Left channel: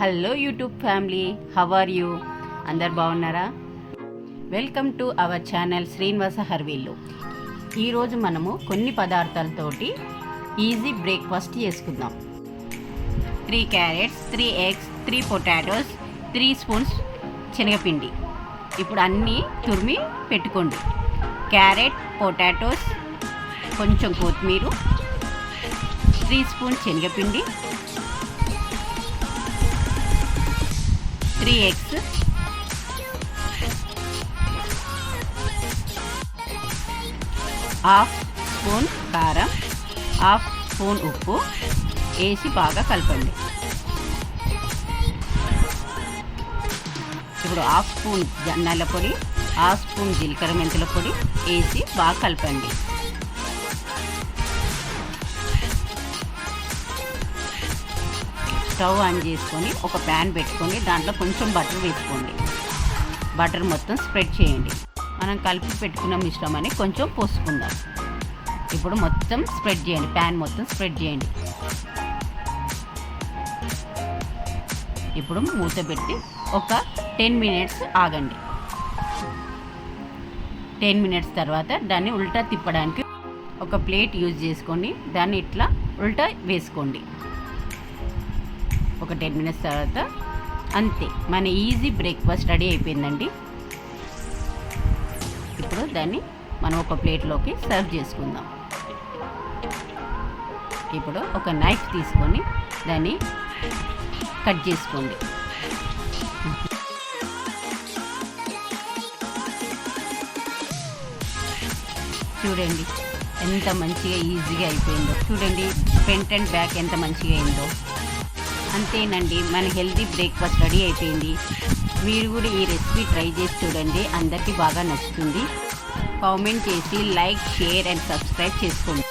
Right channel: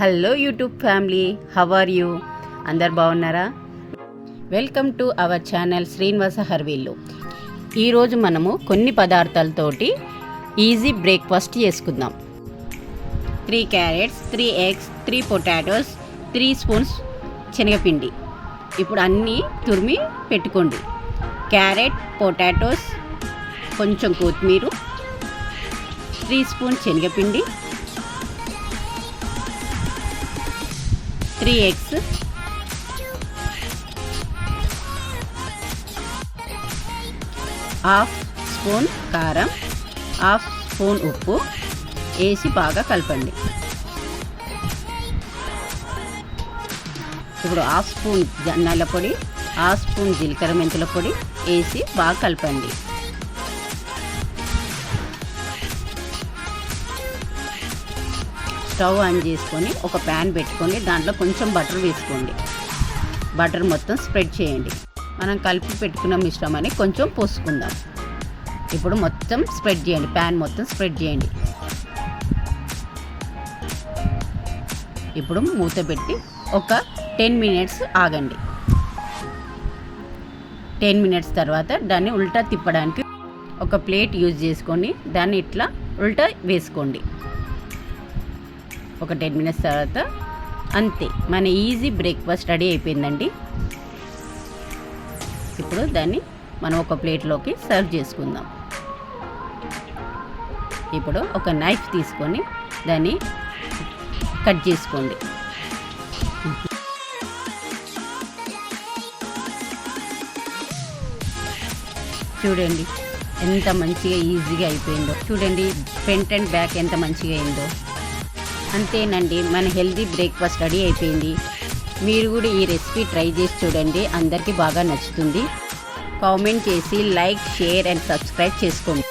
Hello YouTube family, how are you? అందరు బాగున్నారా? Welcome to our channel Srinivasa హర్వీల్లు. ఈరోజు మనము కొన్ని పదార్థాలతోటి ఈజీ బ్రేక్ఫాస్ట్ చేసుకుందాం. 3 క్యారెట్స్, 3 ఎగ్స్, 3 పొటాటోస్, 3 స్పూన్స్ శనగపిండి. ఇప్పుడు అన్నీ తురిమి పెట్టుకోండి. క్యారెట్, పొటాటోస్, కొంచెం కొత్తిమీర, 3 స్పూన్స్ శనగపిండి, 3 ఎగ్స్, హాఫ్ స్పూన్ కారం, హాఫ్ స్పూన్ ఉప్పు వేసి బాగా కలపండి. ఇప్పుడు హాఫ్ స్పూన్ ధనియాల పొడి, హాఫ్ స్పూన్ జీలకర్ర మెంతుల పొడి వేసి బాగా కలపండి. స్టవ్ ఆన్ చేసుకొని ఒక ప్యాన్ పెట్టుకొని దాంట్లో కొంచెం బటర్ వేసుకోండి. బటర్ మొత్తం స్ప్రెడ్ చేయండి. మనం కలిపి పెట్టుకున్న మిశ్రమాన్ని కొంచెం పోసుకుందాం. ఇప్పుడు మొత్తం స్ప్రెడ్ చేయండి, ప్యాన్ మొత్తం స్ప్రెడ్ చేయండి. ఇప్పుడు మూత పెట్టి ఒక 10 మినిట్స్ ఆగండి. 10 మినిట్స్ తర్వాత దాన్ని ఉల్టా తిప్పడానికి ఒక ప్లేట్ యూజ్ చేసుకొని దాన్ని ఇట్లా ఉల్టా వేసుకోండి. ఒక 10 మినిట్స్ తర్వాత అంతే, మన ఈజీ బ్రేక్ఫాస్ట్ రెడీ అయిపోయిందండి. ఇప్పుడు దాన్ని మనం ఒక ప్లేట్లోకి సర్వ్ చేసుకుందాం. ఇప్పుడు ఒక నైఫ్ తీసుకొని దాన్ని కట్ చేసుకోండి. చూడండి ఎంత మంచిగా ఈజీగా అయిపోయిందో. చూడండి ఫ్రంట్ అండ్ బ్యాక్ ఎంత మంచిగా అయిందో. అంతేనండి, మన హెల్తీ బ్రేక్ఫాస్ట్ రెడీ అయిపోయింది. మీరు కూడా ఈ రెసిపీ ట్రై చేసి చూడండి, అందరికీ బాగా నచ్చుతుంది. కామెంట్ చేసి లైక్, షేర్ అండ్ సబ్స్క్రైబ్ చేసుకోండి.